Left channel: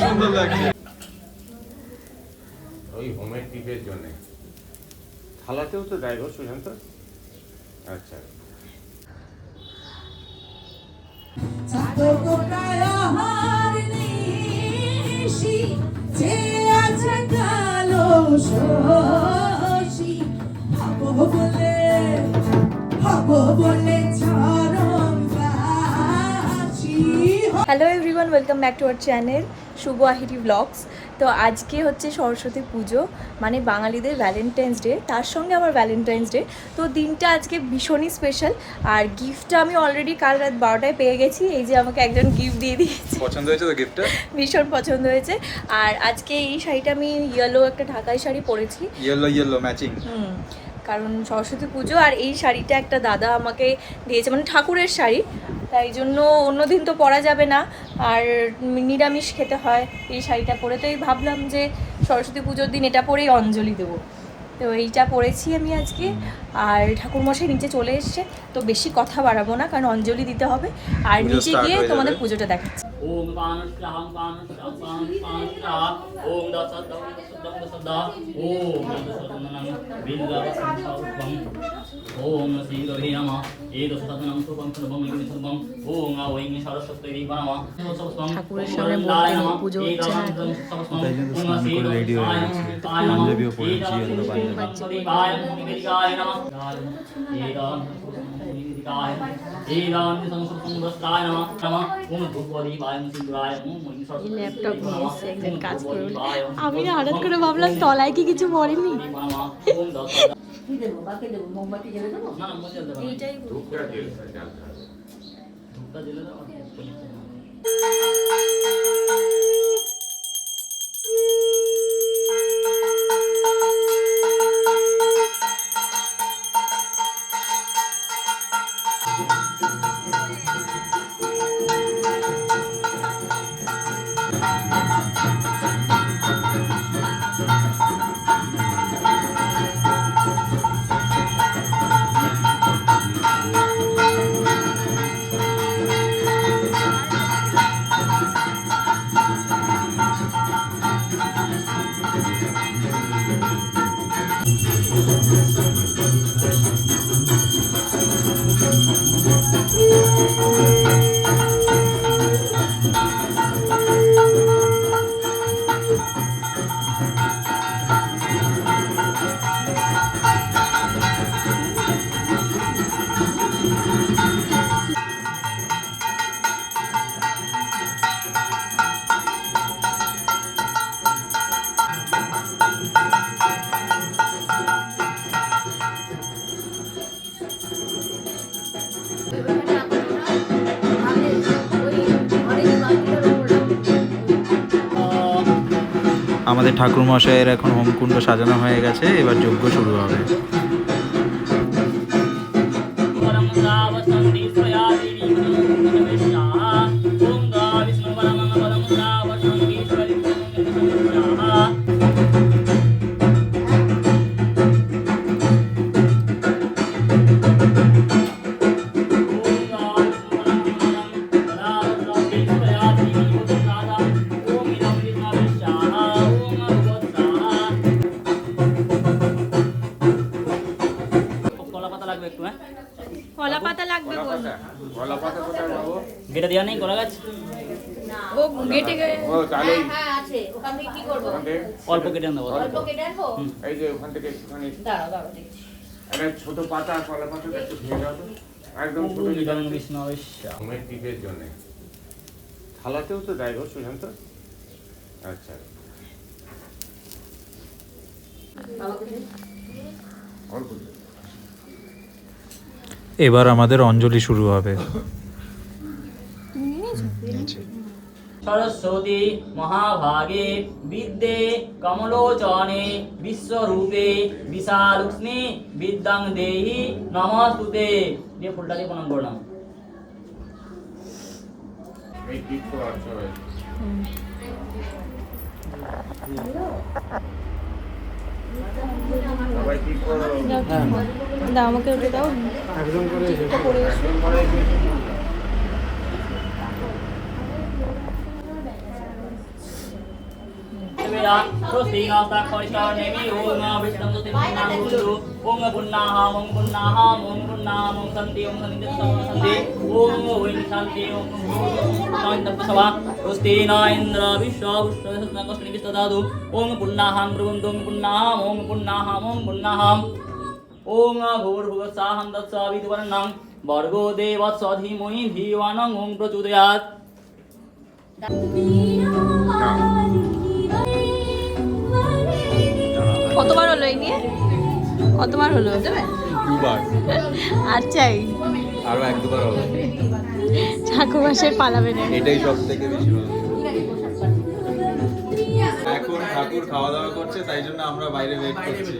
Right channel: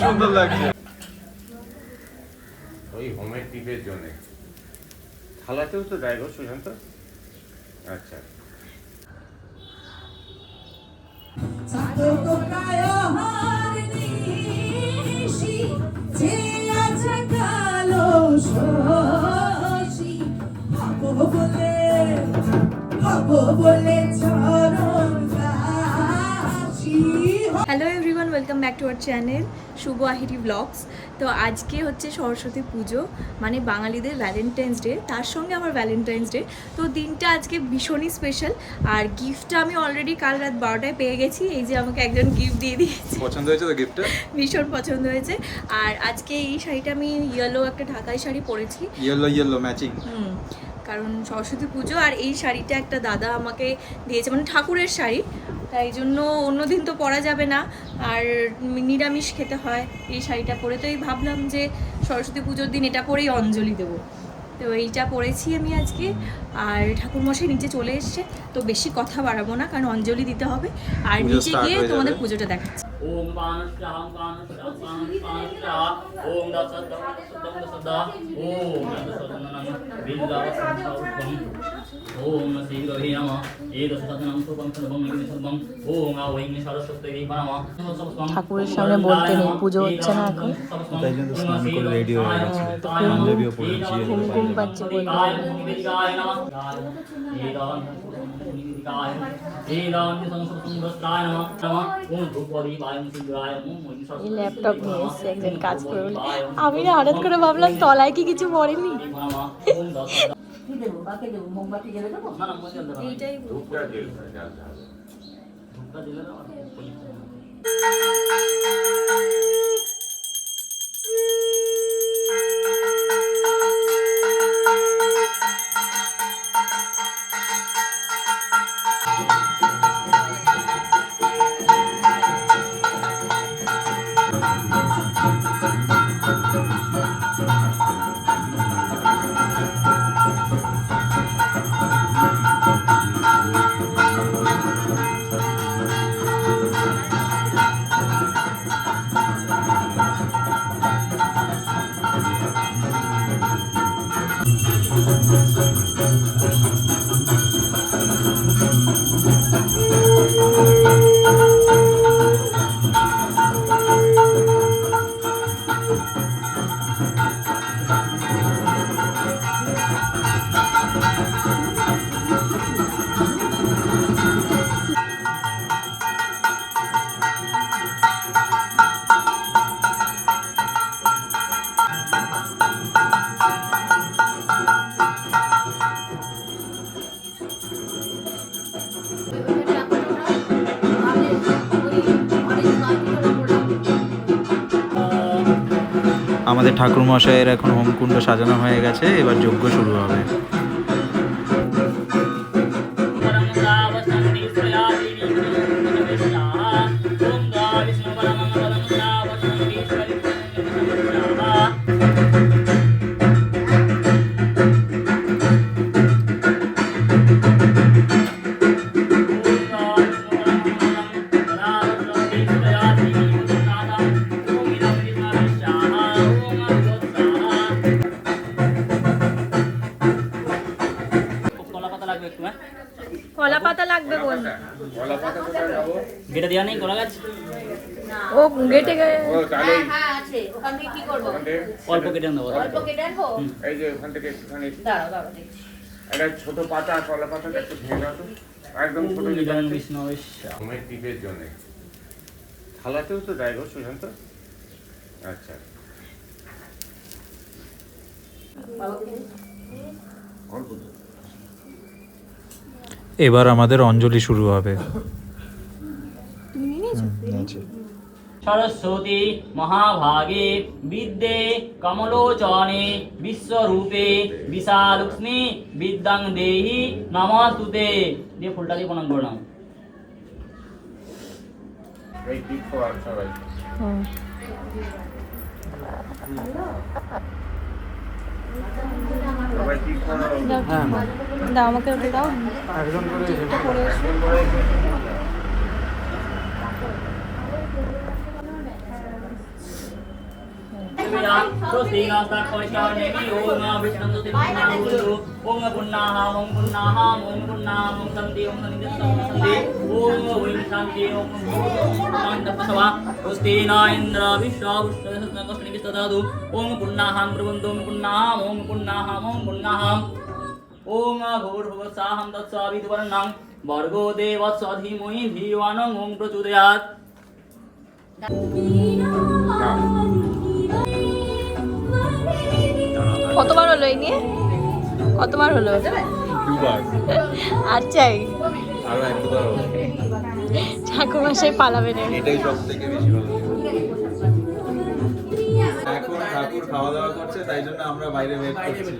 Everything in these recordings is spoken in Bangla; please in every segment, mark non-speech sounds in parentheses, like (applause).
সুন্দর লাগে ওই হোমের টিপের থালাতেও তো ড্রাইভার সুশান্ত আচ্ছা hello everyone welcome back to our channel Shubho Ahiri vlogs তো আজকে হচ্ছে সরস্বতী পুজো মানে বাঙালিদের ভ্যালেন্টাইন্স ডে তার সঙ্গে আমার ভ্যালেন্টাইন্স ডে তো দিনটা আজকে ভীষণই স্পেশাল আর গিফটটা আমি অলরেডি কাল রাত বারোটায় পেয়ে গেছি এই যে আমাকে একজন গিফট দিয়ে দিয়েছে। পছন্দ হয়েছে তো গিফটটা ভীষণ পছন্দ হয়েছে। আর আজকে এই শাড়িটা আমি ইয়েলো একটা ঢাকাই শাড়ি পরেছি। ইয়েলো ইয়েলো ম্যাচিং হুম কারণ সরস্বতী পুজো আর এই শাড়িটা একটা দাদা আমাকে দিয়েছে মানে ঠাকুরের শাড়ি। তাই জন্য অন্য দিন তো পরা যাবে না। আর নিরামিষ খেতে হয় এই শাড়িটা পরে। তো এই ভাবলাম যে সরস্বতী পুজোর দিন এটা পরেই অঞ্জলি দেবো। তো এইটা পরেছি আমি আজকে। আর ঠাকুরমশাই নিচে চলে এসছে। তো বেশি কথা বাড়াবো না কারণ অঞ্জলি দিতে হবে। আর নিচে গিয়ে তোমাদের পুজোটা দেখাচ্ছি। ओम पानुष्याहं पानुष्याहं पानुष्याहं ओम दशदं दशदं दशदा ओम दशदनं बिल्लावसंसौभं ओम श्री रवि नमः एदशदनं शुभं सर्वं निगम सर्वं ओम आवैं सरस्वती नमः ঠাকুরের সামনে বলতে নেই, পুজো হচ্ছে না এখন। তাই জন্য স্নান করে ready হয়ে গেছে। পাঞ্জাবিও পরেছি, yellow পাঞ্জাবি। এই ল্যাপটপ নিয়ে এসছে একদিন কাজ করে বলে। আমি না হঠাৎ করে ভাবলাম তলায় কি কিছু পড়েনি এইটাই আমাদের ঠাকুর মশাইয়ের এখন হোমকুণ্ড সাজানো হয়ে গেছে এবার যজ্ঞ শুরু হবে। গেটে হ্যাঁ ওখান থেকে অল্প কেটে দেবো অল্প কেটে আনব? এই যে ওখান থেকে একটুখানি একটা ছোট পাতা কলা পাতাটা একটু ভেঙে দাও তো। একদম ছোট ওম যেটা ইদং আছে। বিষ্ণবে হোমের টিপের জন্য। থালাতেও তো দেয় গো সুশান্ত? আচ্ছা। অল্প এবার আমাদের অঞ্জলি শুরু হবে। সরস্বতী মহাভাগে বিদ্যে কমলোচনে বিশ্বরূপে বিশালক্ষ্মী বিদ্যাং দেহি নমস্তুতে দিয়ে ফুলটা দিয়ে প্রণাম করলাম দাও আমাকে ওটা দাও। একজন করে ओम भर्गो धीवानं ॐ प्रचोदयात्। কতবার হলো এই নিয়ে? কতবার হলো? দুবার। আর চাই? আরও এক দুবার হবে। ঠাকুর মাসের পালাবে না এটাই সব থেকে বেশি ভালো। এখন ঠাকুর খাওয়া দাওয়া করছে তাই জন্য আমরা বাইরে ওয়েট করছি।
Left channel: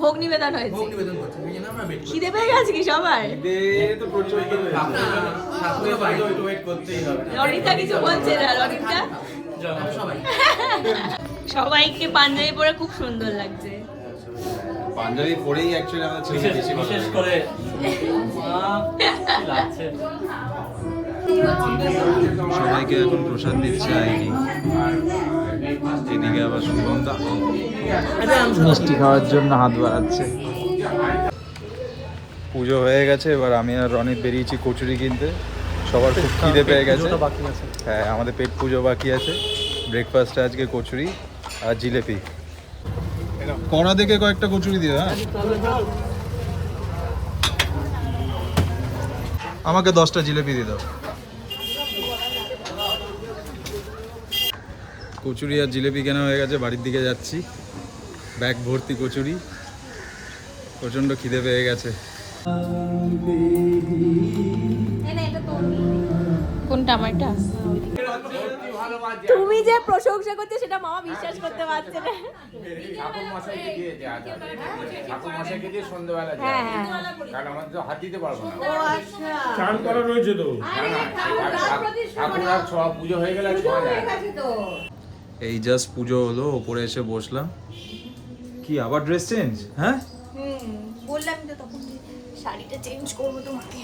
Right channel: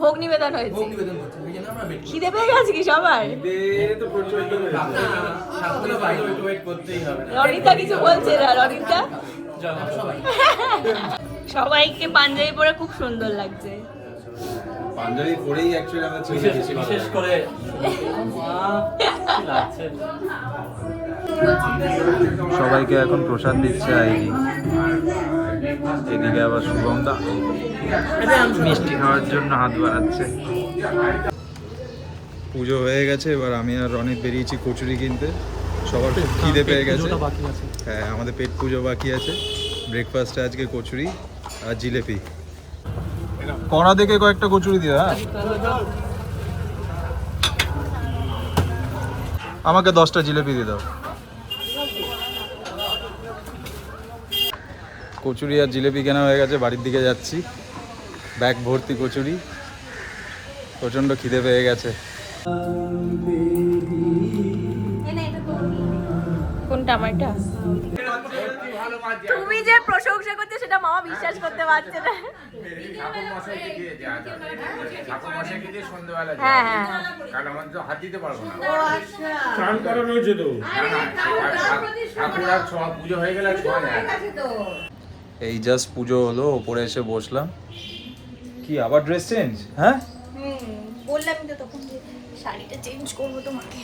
ভোগ নিবেদন হয়েছে। খিদে পেয়ে গেছে কি সবার? ঈদের তো প্রচুর ঠাকুরের বাইরে ওয়েট করতেই হবে। কিছু বলছে না রনিতা? (laughs) সবাইকে পাঞ্জাবি পরে খুব সুন্দর লাগছে। পাঞ্জাবি পরেই অ্যাকচুয়ালি আমরা ছবি বিশেষ বেশি বিশেষ করে মা কি লাগছে সবাইকে এখন প্রসাদ দিচ্ছে আইডি এদিকে আবার শুভম দা মিষ্টি খাওয়ার জন্য হাত বাড়াচ্ছে। পুজো হয়ে গেছে এবার আমি আর রনিত বেরিয়েছি কচুরি কিনতে। সবার খুব খিদে পেয়ে গেছে। হ্যাঁ আমাদের পেট পুজো বাকি আছে। ব্রেকফাস্টে আজকে কচুরি। আর জিলেপি। কড়া দেখে কয়েকটা কচুরি দিও হ্যাঁ? আমাকে দশটা জিলেপি দিয়ে দাও। কচুরি আর জিলেপি কেনা হয়ে গেছে বাড়ির দিকে যাচ্ছি। ব্যাগ ভর্তি কচুরি। প্রচণ্ড খিদে পেয়ে গেছে। কোনটা আমারটা? তুমি যে প্রশংসা করছ সেটা মামা বিশ্বাস করতে পারছে না। এই জাস্ট পুজো হলো ওপরে এসে বসলাম। কি আবার ড্রেস চেঞ্জ? হ্যাঁ? বললামই তো তখন শাড়িটা চেঞ্জ করব তোমাকে।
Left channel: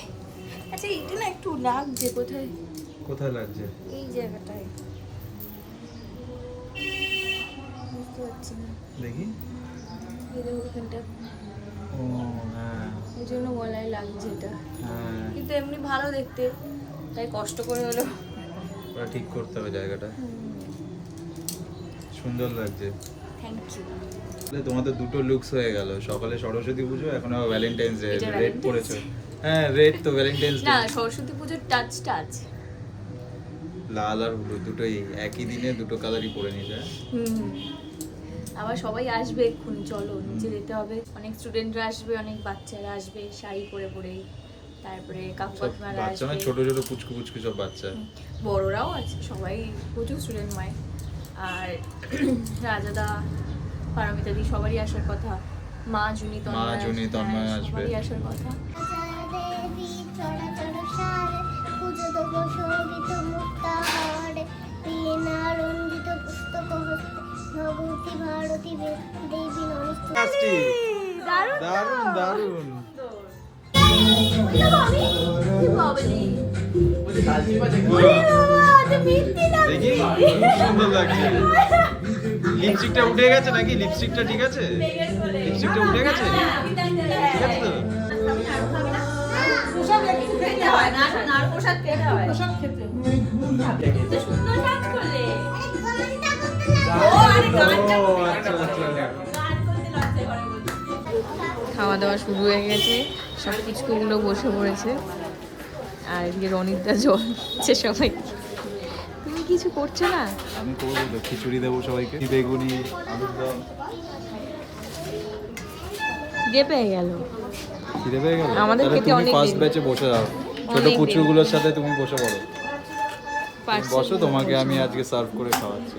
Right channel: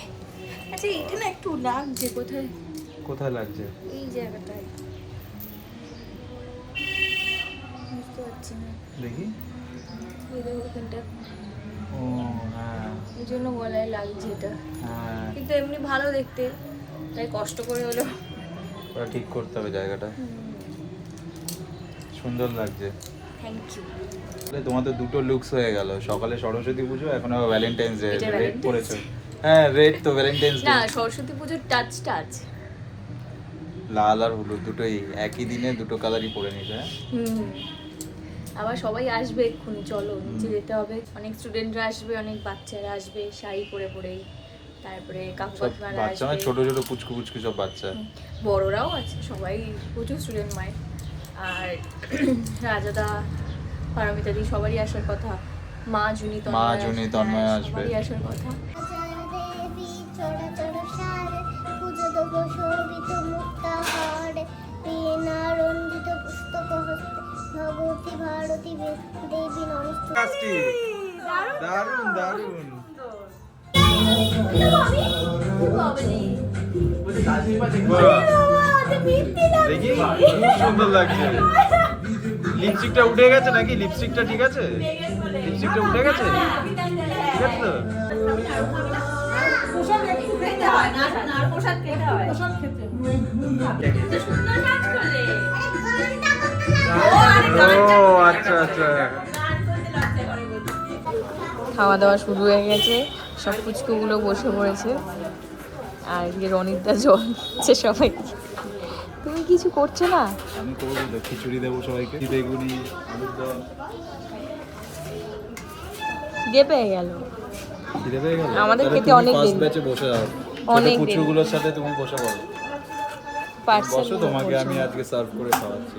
আচ্ছা এটা না একটু লাগছে কোথায়? কোথায় লাগছে? এই জায়গাটায়। বুঝতে না। দেখি। এই ও হ্যাঁ। এই জন্য গলায় লাগছে এটা। হ্যাঁ। কিন্তু এমনি ভালো দেখতে তাই কষ্ট করে হলো ওটা ঠিক করতে হবে জায়গাটা। সুন্দর লাগছে। থ্যাংক ইউ তাহলে তোমাদের দুটো লুকস হয়ে গেল। সকালে সরস্বতী পুজো এখন আবার ভ্যালেন্টাইন্স ডে রেড হ্যাঁ রেড তো ভ্যালেন্টাইন্স ডে না সরস্বতী পুজোর টাচ টাচ লাল আর হলুদ দুটোই একই দিনে দুটো কালারই পরে নিছে হ্যাঁ? হুম। আবার সবাই আসবে এক্ষুনি চলো নিচে যেতে হবে। অনেক স্টুডেন্টরা আসবে অনেক বাচ্চারা আসবে শাড়ি পরে পরে তারপরে কাকু কাকিমারা মানে আসবে। ছোট ছোট পুচকু পুচকু সব বাচ্চা। বড়রাও আছে সবাই প্রচুর স্টুডেন্ট মায় আর (clears throat) রাজাদা পারমিতাদি সবারই আসার কথা। মা জুনি মা, তন্ময় জুনি, তন্ময় হ্যাঁ, আসবে। সবারই আসার কথা। দেবী রঞ্জিত পুস্তক হস্তে ভগবতী ভারতী বে- দেবী নমস্তে দারুণ দারুণ দেখি খুব সুন্দর লাগছে। লিপস্টিকটা উঠে গেছে নাকি? লিপস্টিকটা ঠিক আছে? লিপস্টিকটা উঠে গেছে? ঠিক আছে তো? ও আচ্ছা আচ্ছা খাওয়া দাওয়া শুরু হয়ে গেছে সব পুচকুগুলো বসে পড়েছে। আর এদিকে রনিতদা জল দিচ্ছে সবাই। তুমি কিছু করছ না? আমি করব তো খিচুড়ি দেবো সবাইকে। বেগুনি আলুর দম। খিদে পেয়ে গেল। খিদে পেয়ে গেল? আমাদের খেতে অনেক ব্যাচে বসে যাও অনেক দেরি। সাথে তুমি বসে পড়ো। বসো তোমাকে আমি আজকে সার্ভ করে খাওয়াচ্ছি।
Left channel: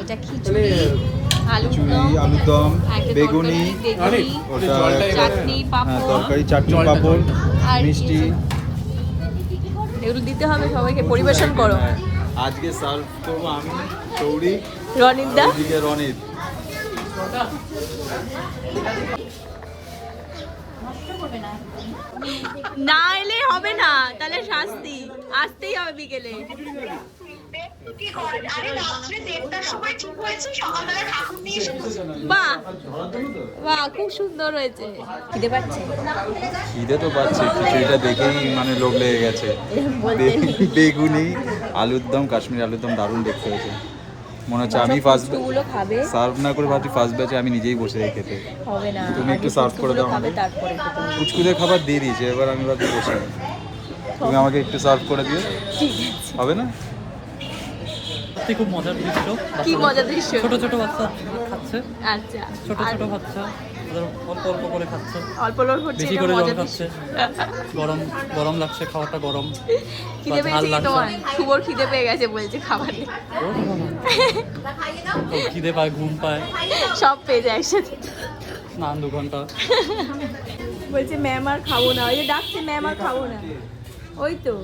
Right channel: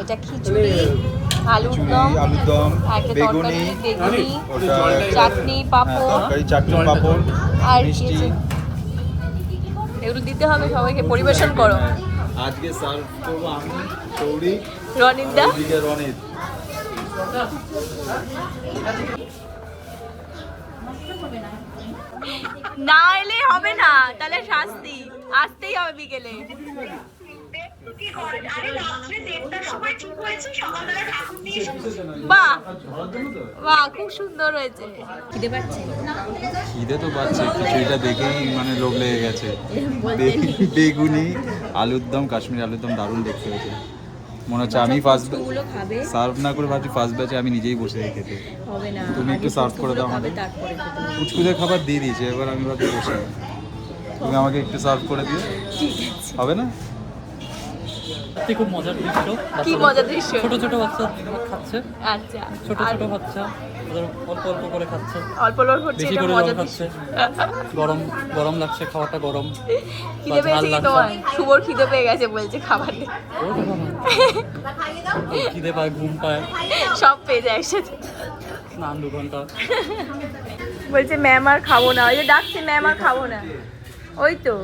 এটা খিচুড়ি আলুর দম দম বেগুনি চাটনি পাঁপড় তরকারি চাটনি পাঁপড় মিষ্টি। এগুলো দিতে হবে সবাইকে পরিবেশন করো। আজকে সার্ভ করব আমি সৌরি রনিতদা এদিকে রনিত না এলে হবে না তাহলে শাস্তি। আসতেই হবে বিকেলে। বাহ বাহ খুব সুন্দর হয়েছে। খিদে পাচ্ছে? খিদে তো পাচ্ছে খিচুড়িটা দেখেই মানে লোক লেগে গেছে। বেগুনি আলুর দম কাশ্মীর আলুর দম দারুণ দেখতে হয়েছে। মনে হচ্ছে আমি ফার্স্ট খাবে? সার্ভ না করে ভাবছি ফার্স্ট ব্যাচে আমি নিজেই বসে যাই খেতে। হবে না। তুমি একটু সার্ভ করে দাও আমাকে। কুচকুচের খাবার দিয়ে দিয়েছে এবার আমি ভাবছি বসে। তুমি আমাকে একটু সার্ভ করে দিও। হবে না? সত্যি খুব মজার দৃশ্য কি মজার দৃশ্য? ছোট ছোট বাচ্চা খাচ্ছে। আচ্ছা ছোট ছোট বাচ্চা অল্প অল্প করে খাচ্ছে। অল্প হচ্ছে বেশি করে জল খাচ্ছে। গরম গরম লাগছে খাওয়াটা গরম খিদে পেয়েছে কি শুভর খিদে পেয়ে গেছে বলছে খাবার খিদে পায় ঘুম পায়। সব পেয়ে যায় একসাথে। স্নান দু ঘণ্টা। বলছে ম্যাম আর খাব না। ওই যে ডাকছে ম্যাম আর খাব না। ওই তো।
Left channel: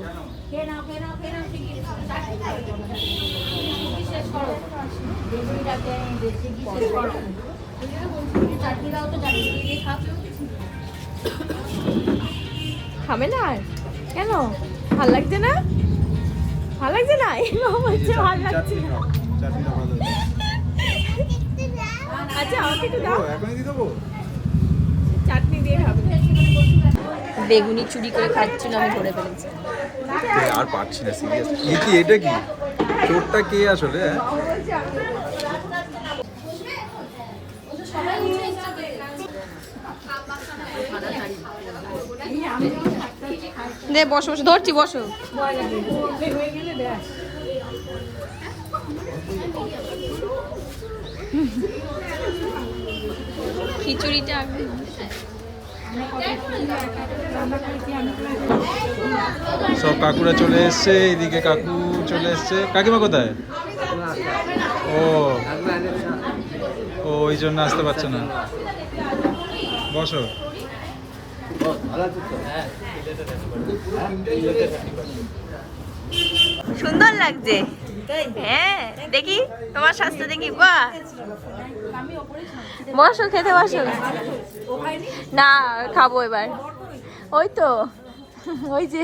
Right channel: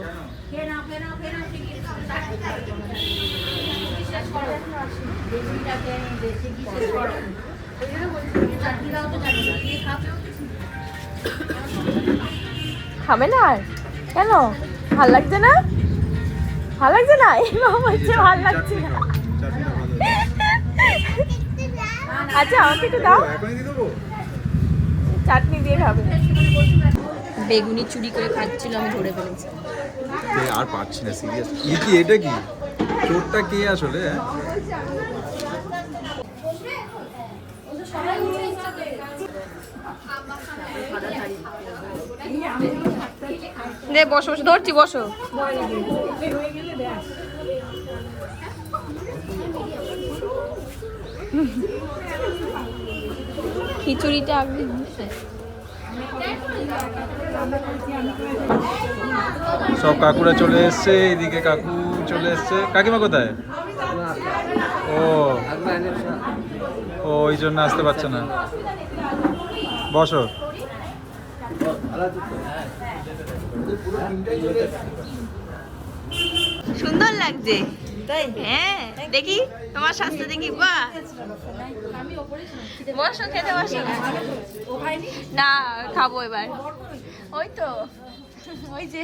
খাবে না আর কেন? ভালো লাগছে না? ভালো লাগছে না? বাবা বলছে ভালো লাগছে না। আচ্ছা আমাকে একটু দাও। চাটনি দিয়ে খাবে। বেগুনি চুরি করে খাচ্ছিল আমি ধরে ফেলেছি। আর পারছি না সিরিয়াস এটা কি? চোরটা কে আসলে? দে বসো বসো ধরছি বসো খিচুড়িটা আগে সব কাকুরা চলে এসছে এদিকে কাকু চলে এসছে। কাকিমা কোথায়? ও। ও, ওই জন্য আসতে পারছে না। বসো। সুন্দর লাগছে। হ্যাঁ দেখি তোমার স্বাস্থ্য দেখি বাহ। বসো খেতে বসো না খাব এবার। ওই তো ওই যে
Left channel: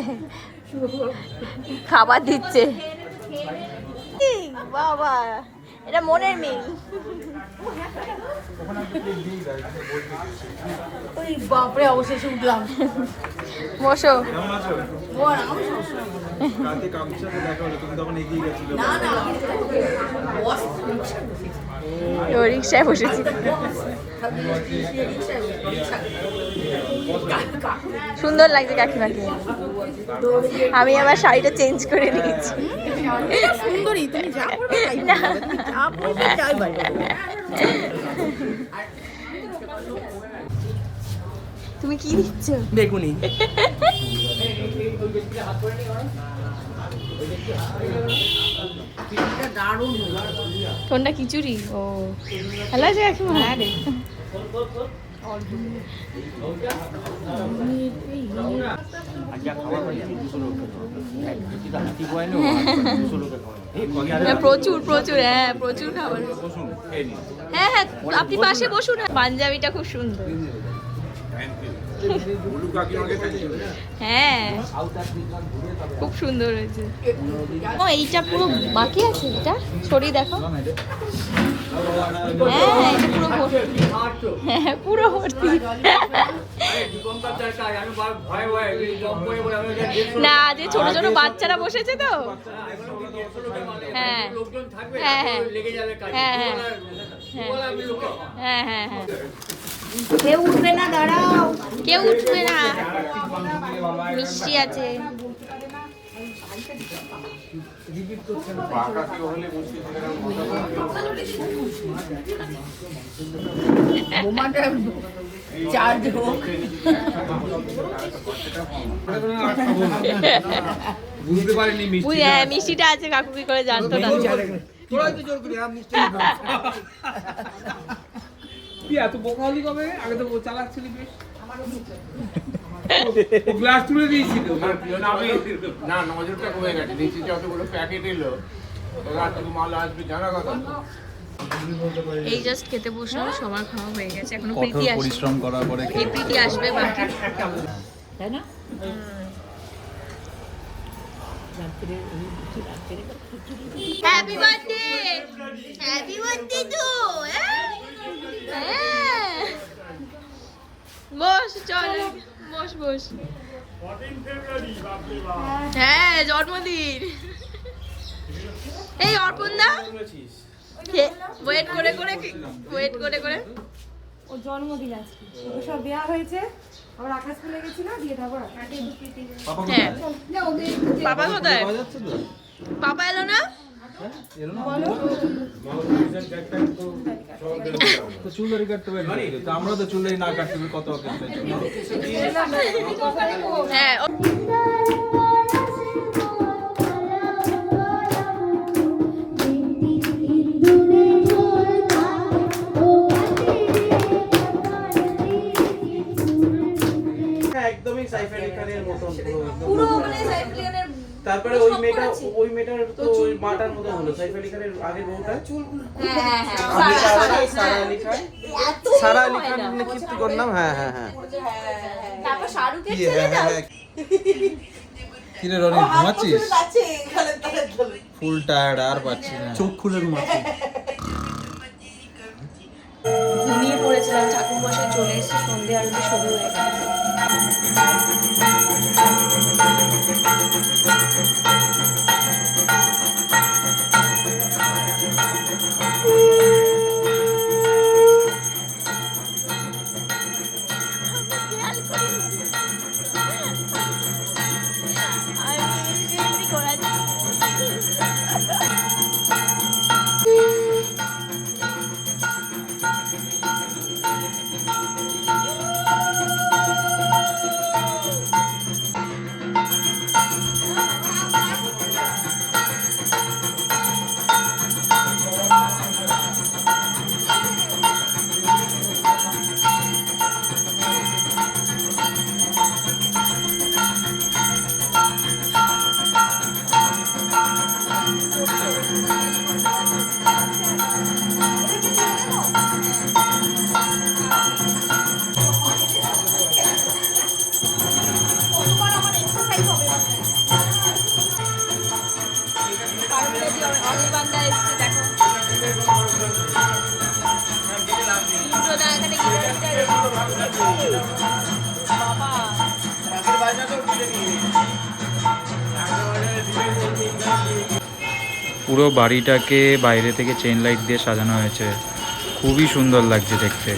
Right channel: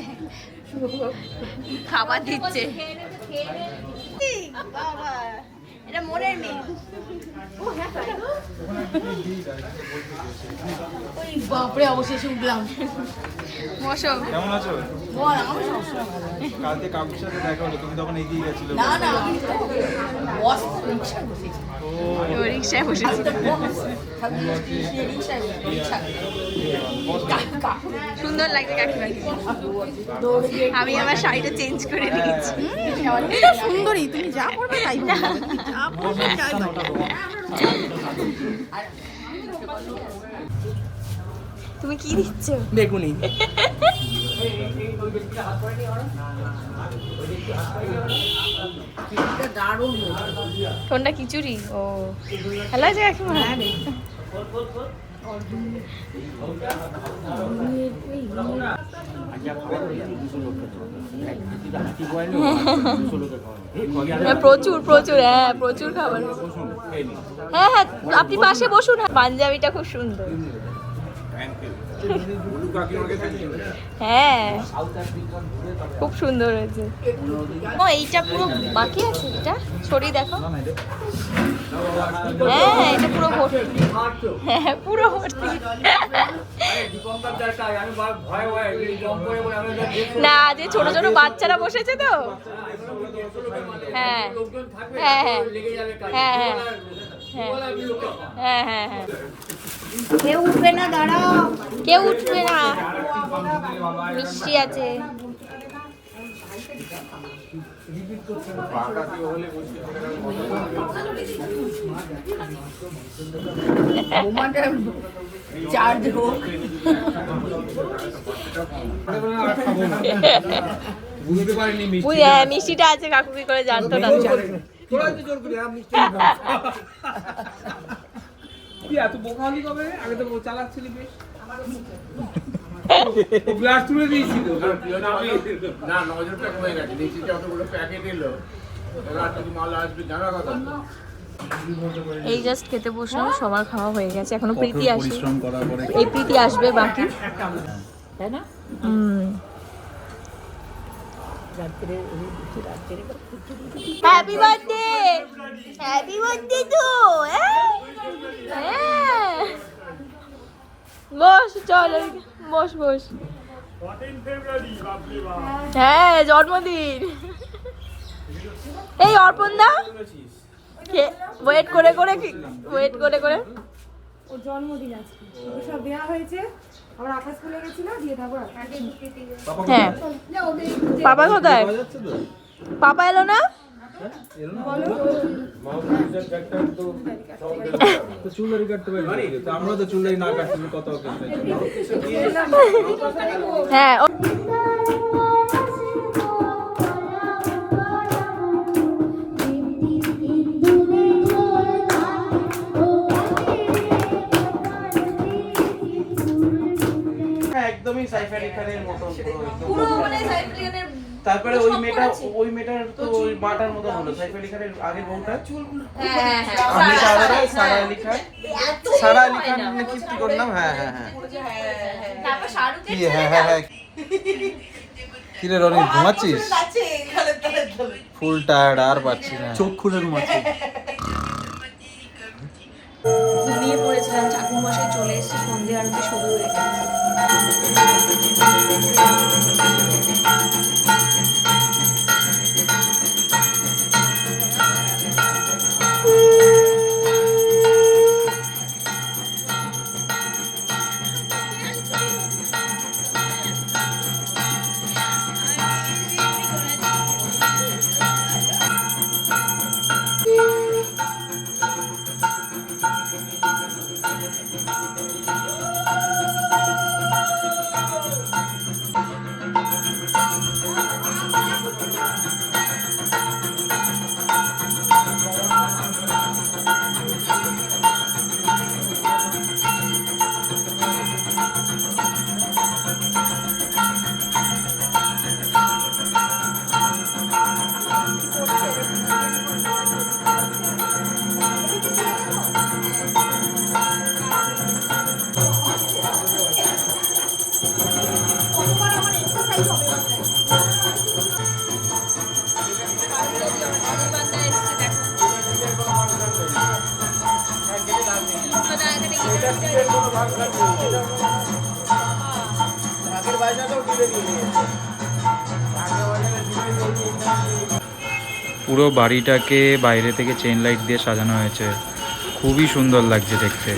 খাবার দিচ্ছে। বাবা এটা মনের মেয়ে। বসো। কেমন আছো? কালকে কাকুর সাথে দেখা হলো তুমি তখন এগিয়ে গেছিলে। রিক্সায় বসেছি সুন্দর লাগছে কাকিমাকে। আমি আমার শাড়িটা চেঞ্জ করে দিয়েছি। সুন্দরী তুমি যা করবে তাই যা বলবে তাই তুমি কি দিচ্ছ? বেগুনি। কোনটা? খিচুড়ি? ও। ভালো আছে কাকিমা? হ্যাঁ, প্রচুর প্রচুর হ্যাঁ প্রচুর খাবার হ্যাঁ হ্যাঁ আপনি পাশে বসুন পাঞ্জাবিটা খুব সুন্দর। হ্যাঁ। খুব সুন্দর হয়েছে। ও এইটা পুরো বাকি আছে এটা? ছড়ি দেখো। হ্যাঁ এটা পুরো ভর্তি। হ্যাঁ পুরো ভর্তি। না যে ছোট ছোট বাচ্চারা বসেছে তো। হ্যাঁ। হ্যাঁ হ্যাঁ। হ্যাঁ হ্যাঁ হ্যাঁ। হ্যাঁ, হ্যাঁ, হ্যাঁ। কেউ উঠবে না দাঁড়াও কেউ উঠবে না মিষ্টি আছে চার্জ হোক বুঝতে পারিনি মিষ্টি হ্যাঁ মিষ্টিটা আছে কাকু কি করে জানতো না কি এত বোকা কবে? আগে তো চালাচ্ছিলি বেশ। গ্লাস তুলে দিয়েছিল। না নজরটা কমে গেছে। নিচে যতগুলো প্যাকেট এলো। এবার মাল আসবে জানা কথা। এই জাস্ট খেতে বসলাম সবার খাওয়া হয়ে গেছে। এখনও প্রীতি আসে পরিশ্রম এই প্রীতি আসবে বাকি। তাই না? হুম। Happy birthday happy birthday to হ্যাঁ। বস চল বস বস। হ্যাঁ জন্মদিন। এই অর্পণ দা ওয়েট করে করে ওয়েট করে করে। ওর জন্মদিন আজকে। সব দেওয়া হয়েছে? আবার আকাশ খুলে গেছিল দিয়ে দেবো হ্যাঁ। পাপা কোথায়? পাপা এলো না? তো আমরা তো চুলদারি না কাটতে কত (laughs) হ্যাঁ তারপরে ওই মেয়েটা ওই মেয়েটার তো ওই বাটার মতো হলো সাইফ আলি খানের আগের বউটা হ্যাঁ হ্যাঁ হ্যাঁ সারা সারা হ্যাঁ। সারা আলি খান? কীর্তি করলাম হ্যাঁ হ্যাঁ হ্যাঁ তারপর শাহরুখের কি হ্যাঁ হ্যাঁ হ্যাঁ। কিরে রনি ঘুমাচ্ছিস? ফুল টায়ার্ড আর পাচ্ছি না। চোখ খুলে ঘুমাচ্ছি। ঘুমিয়ে পড়েছিলাম ঠাকুর মশাই চলে এসেছে সন্ধে আরতি শুরু হয়ে গেছে। পুরো বাড়িটাকে বাইরে থেকে চেন লাইট দিয়ে সাজানো হয়েছে। খুবই সুন্দর লাগছে দেখতে।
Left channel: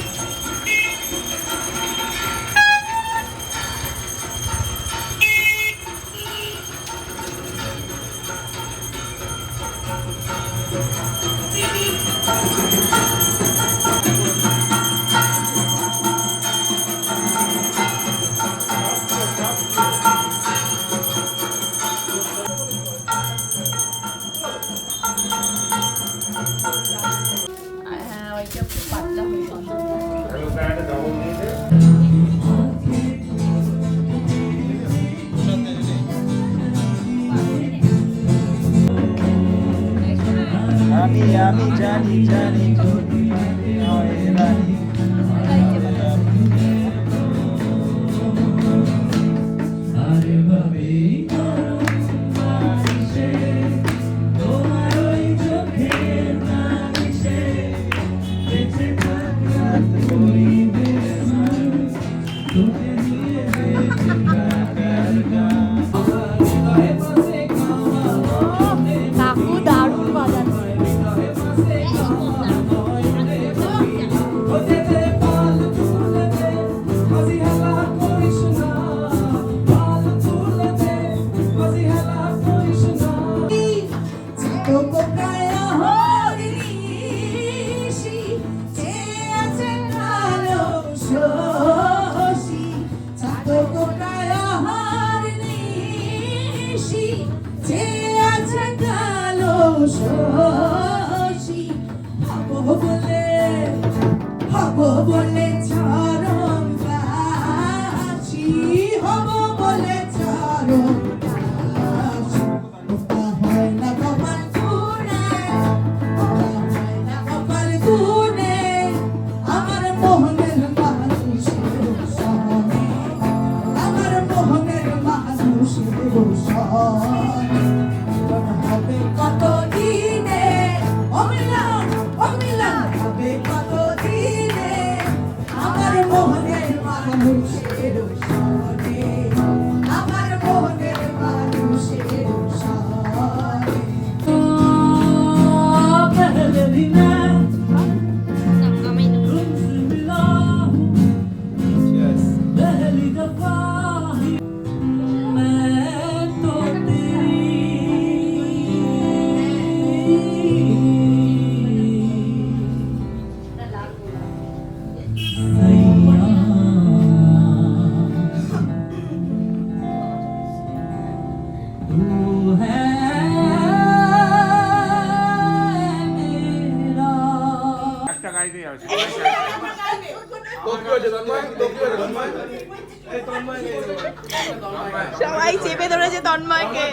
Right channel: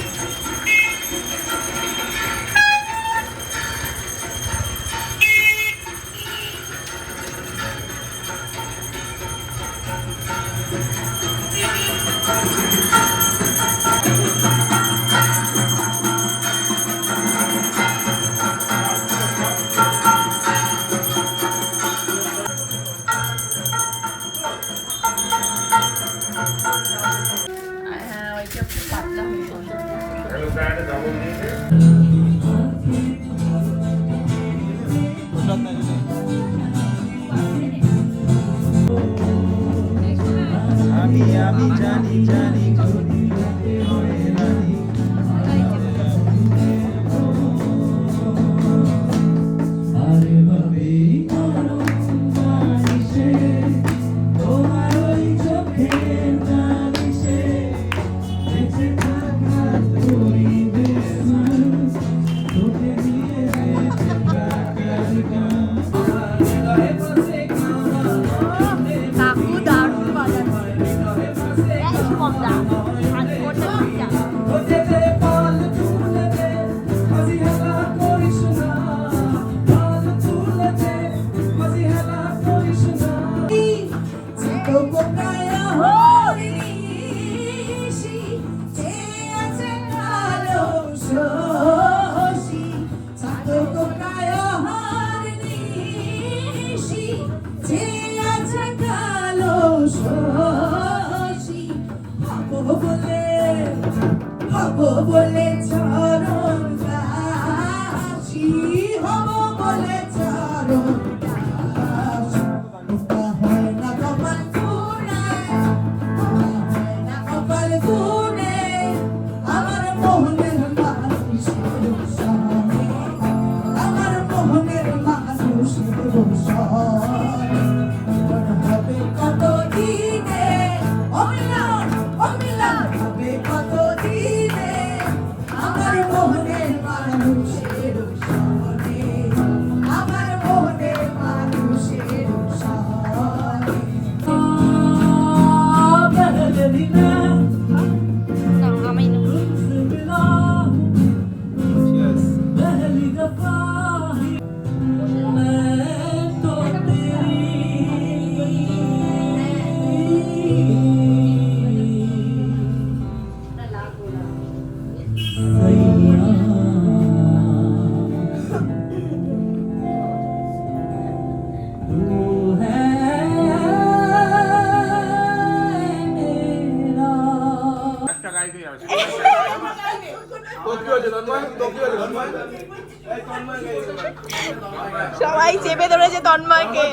সবাই চেপে ধরেছে তন্ময়কে।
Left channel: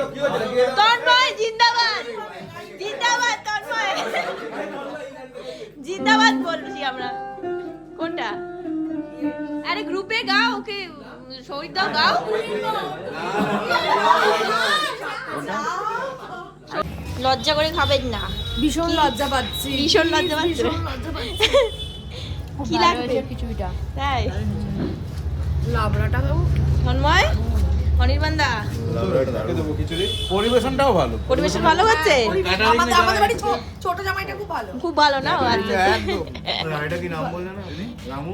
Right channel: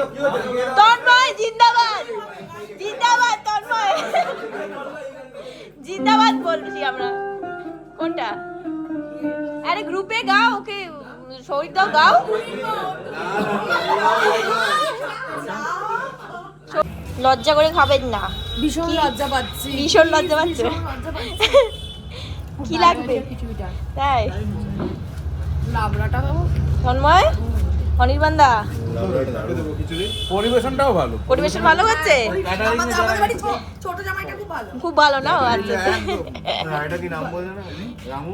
তন্ময়, জিন্দাবাদ! জিন্দাবাদ, তন্ময়! জিন্দাবাদ বলছি আমরা। কোনটা? আরে গ্রুপে গা ওকে। শহীদ দাও গাও। লজ্জা করে খাবেন না। ভীষণ লজ্জা পাচ্ছি। ভীষণ লজ্জা পাচ্ছে। (laughs) কি লাগবে? কিছুটা তাই। লাবড়াটা বাবু। তন্ময়? অনির্বাণ দা পরিবেশনটাও ভালো। পরিবেশন ভালো হচ্ছে? ছোট জামাইটা খুব ভালো। খুব ভালো না? আচ্ছা। এটা (laughs) কি নাম বলছে না? রামু?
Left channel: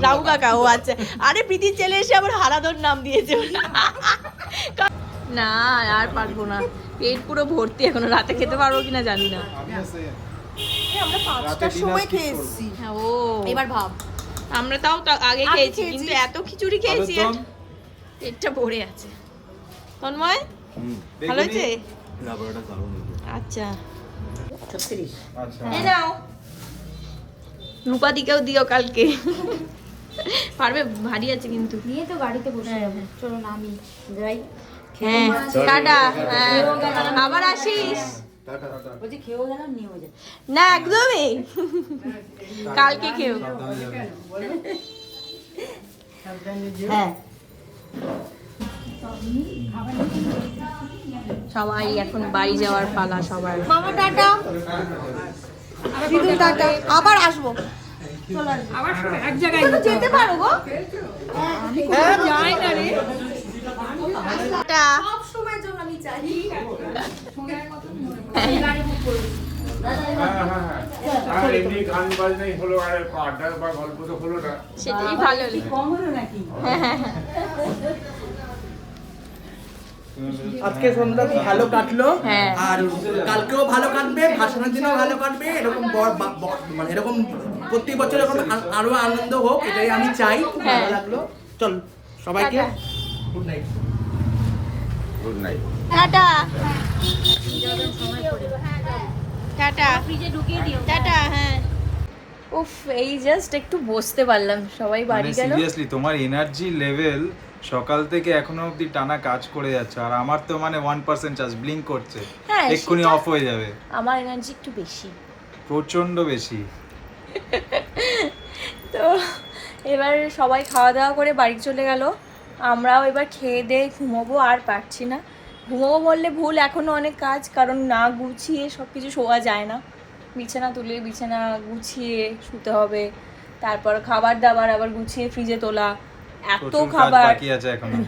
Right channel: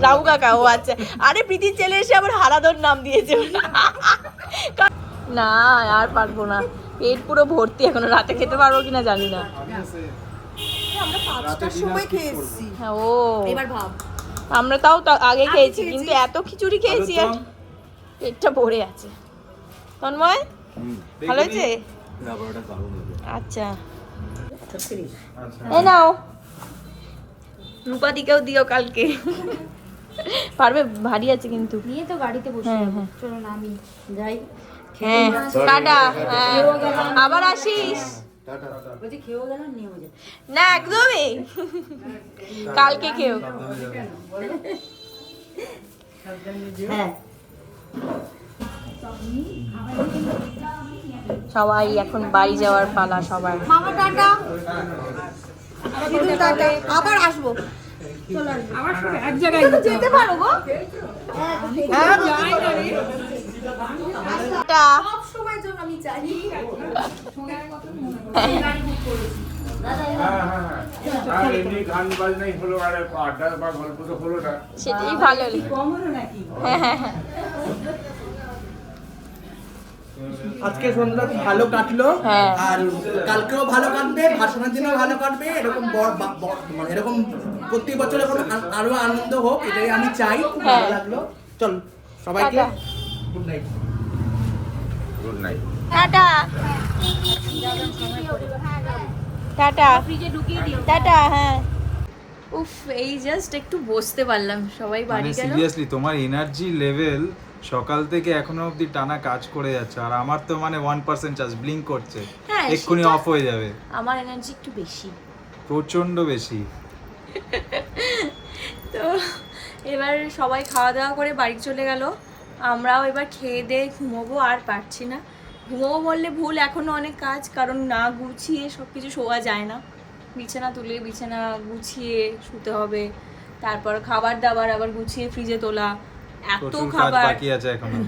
রাহু কাকা ও আচ্ছা। আরে প্রীতির ছেলে এসে আবার হারাদর নাম দিয়েছে। না আর পারব না। পেট পুরো ভর্তি এখনও রাতে খেতে পারব কিনা জানি না। হ্যাঁ ও। এবার ভাব। আমরা তাও তা- আগে খেয়েছি কিন্তু এত খিচুড়ি খেয়েছি আর পেটটা ভরে আছে। তন্ময় ভালো হয়েছে? আচ্ছা। এ নাও। রূপাদিকেও দিও কালকে। পারবে ভারী আছে কিন্তু। নিয়ে তো গাড়িতে বসে হ্যাঁ, যাব। হ্যাঁ। চলো না আমি যাই। হ্যাঁ টাটা হ্যাঁ। আবার আসিস। না একদমই। কালকে খেও হ্যাঁ। সবাই এখন বাড়ি যাওয়ার পালা সবার মামা টাটা। আবার আসব। এক জায়গায় যেতে পারো গো। যাই না রে। টাটা সব সময়ের জন্য আমি চাই হ্যাঁ। হ্যাঁ হ্যাঁ আর এমনি গান বাজনাই হলো আর আড্ডা বা গল্প তো হলো না। সেটাই ভালো। হ্যাঁ হ্যাঁ হ্যাঁ। আজকে সন্ধ্যা ভালো কাটলো। হ্যাঁ। আর কালকেও ভালো কাটবে ভাষণের দিনও ভালো কাটবে। এরকম মানে এরকম প্রত্যেক বছর এরকম আরও আনন্দ হোক এটাই আমি চাই। খুব ভালো হ্যাঁ। লাগল। চল সবাইকে গুড নাইট গুড নাইট টাটা। টাটা। টাটা হ্যাঁ। উফ এই জাস্ট একটু বসতে পারলাম। সবাই বাড়ি মানে গেল। সিরিয়াসলি তোমার এনার্জি লেভেল সকাল থেকে এখনও অবধি টানা কাজ করে যাচ্ছে আর আমার তো মানে ওয়ান পার্সেন্ট চার্জ ব্লিঙ্ক করছে। হ্যাঁ, এক্ষুনি অফ হয়ে যাবে। আমার এনার্জি একটু বেশি। প্রচণ্ড বেশি। (laughs) তো এবার সবাই খাওয়া দাওয়া করে বাড়ি চলে গেল। আমরাও এবার খেয়ে দিয়ে ঘুমোবো আর পারছি না। ঘুমোবো বললে ভুল এখনও অনেক কাজ কারণ না গুছিয়ে সব কিছু শোয়া যায় না। বিছানা তুলে বিছানা গুছিয়ে শুতে হবে তারপর খাবার দাবার আবার গুছিয়ে ফ্রিজে তোলা এত খাবার। বাকি আছে এখনও।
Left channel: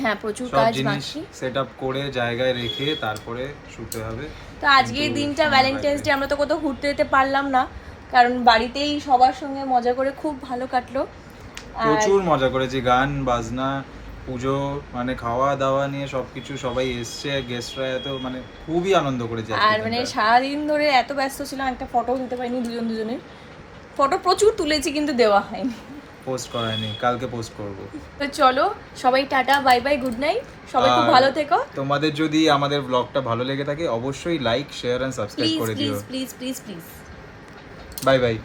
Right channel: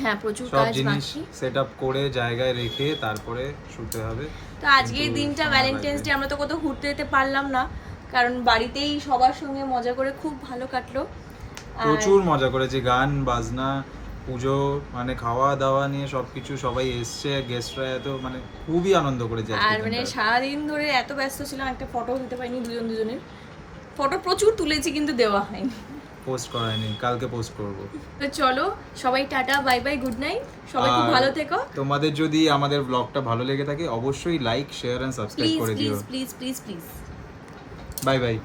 হ্যাঁ প্রচুর কাজ বাকি। সেট আপ করে জায়গায় রেখে তারপরে শুতে হবে। তো আজকের দিনটা ভ্যালেন্টাইন্স ডে আমরা তো কোথাও ঘুরতে যেতে পারলাম না কারণ বাড়িতেই সবার সঙ্গে মজা করে খুব ভালো কাটলো। প্রচুর মজা করেছি গান বাজনা পুজো মানে খাওয়া দাওয়া নিয়ে সবকিছু সবাই এসছে গেস্টরা এত মানে খুবই আনন্দ করেছে আর মানে সারাদিন ধরে এত ব্যস্ত ছিলাম একটা ফটো দিতে পারিনি দুজন দুজনের। ফটো প্রচুর তুলেছি কিন্তু দেওয়া হয়নি। পোস্ট করায়নি কালকে পোস্ট করব। তো চলো সবাই tata bye bye good night সবাই খুব ভালো থেকো। তোমাদের যদি আমাদের ব্লগটা ভালো লেগে থাকে অবশ্যই লাইক শেয়ার এন্ড সাবস্ক্রাইব করে দিও। Please please please please bye bye